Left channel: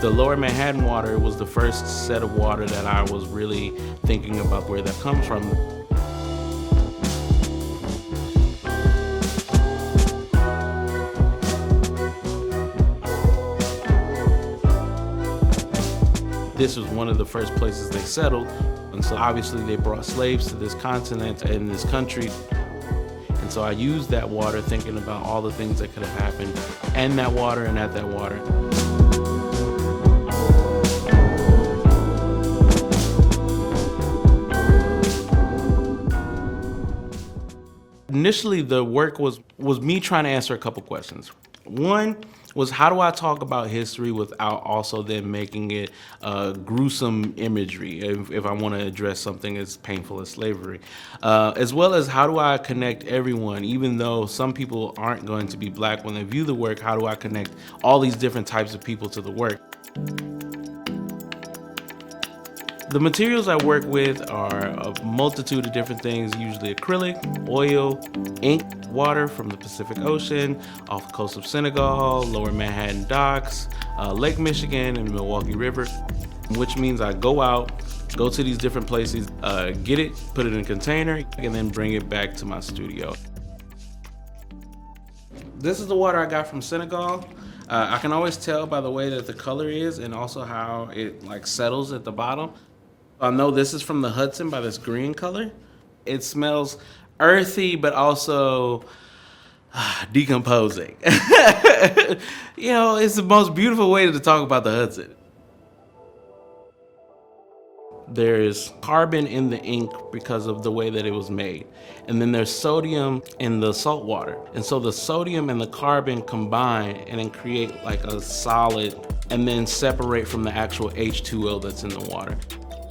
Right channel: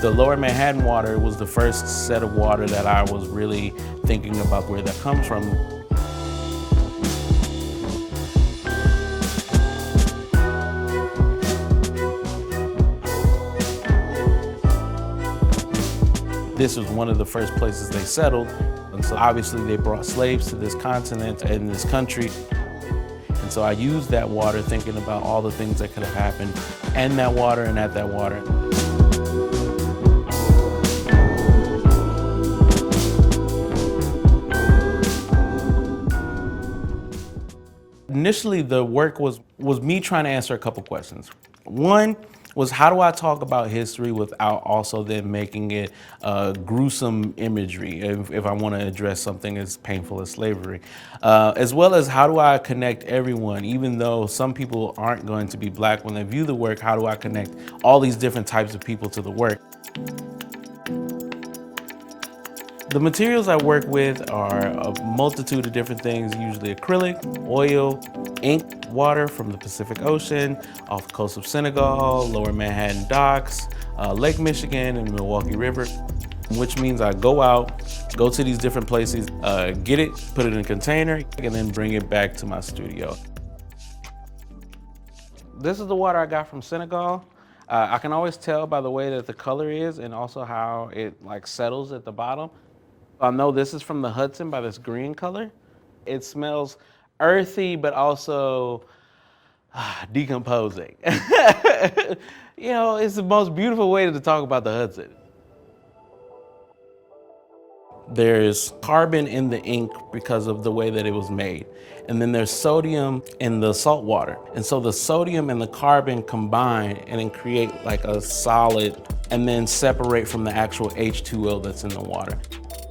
The Lower Manhattan water was the first set of water that I was really thinking about where that comes from. This was one of the first places they settled, and so obviously they brought slaves to this continent and this country. And so I used that water thinking about all the things that could have happened in that water and at that water. Initially, the work was me trying to answer a couple questions. One was, how do I talk about history without also then making it gruesome imagery if I want to address something as painful as slavery? As well as, how do I connect everyone, even though some people aren't going to be Black when they view the work, how do I connect all these different types of people to the work? The materials I work with are a multitude of different things, usually acrylic, oil, ink, water from the Pacific Ocean, off the coast of Senegal, Lower Manhattan docks, Lake Michigan, and Milwaukee River, which means I go out, go to these different places, get it, put it in a container, and then bring it back to my studio. This is the water I got from Senegal. I can always tell by the way that the color is and also how it settles at the bottom. I know this is from the Hudson by this green color. It smells earthy, but also decomposing. You know, it's the most beautiful way to talk about the Hudson. There's carbon in the ink because of the way that it was made. And then there's sodium in the salt water. And so the sodium and the carbon combine and then create like a solid and then separate from the actual H2O that's in the water.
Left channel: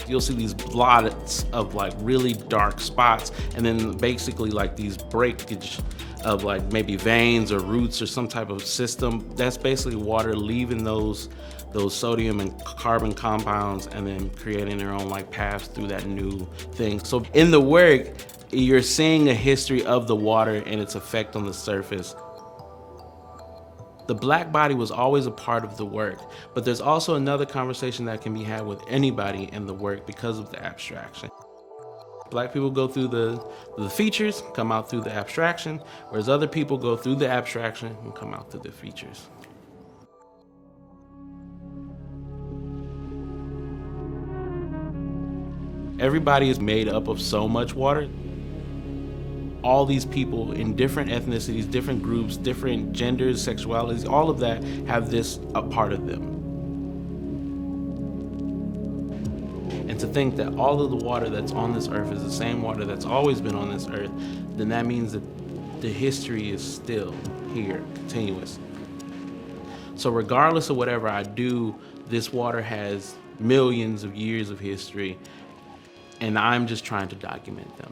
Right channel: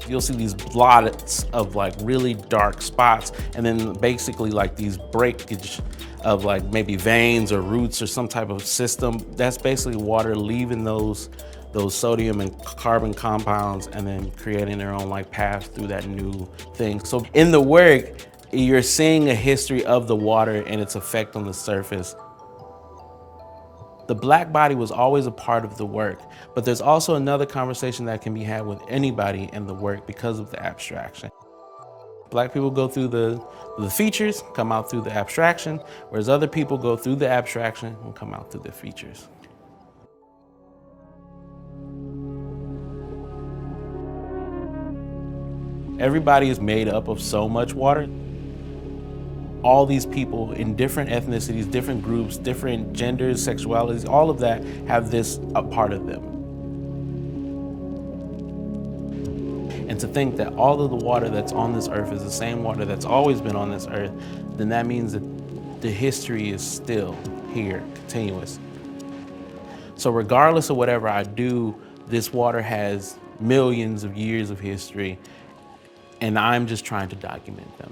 You'll see these blots of really dark spots, and then basically these breakage of maybe veins or roots or some type of system. That's basically water leaving those sodium and carbon compounds and then creating their own paths through that new thing. So in the work, you're seeing a history of the water and its effect on the surface. The Black body was always a part of the work, but there's also another conversation that can be had with anybody in the work because of the abstraction. Black people go through the features, come out through the abstraction, whereas other people go through the abstraction and come out through the features. Everybody is made up of so much water. All these people in different ethnicities, different groups, different genders, sexualities, all of that have this a part of them. And to think that all of the water that's on this earth is the same water that's always been on this earth, then that means that the history is still here, continuous. So regardless of whatever I do, this water has millions of years of history, and I'm just trying to document them.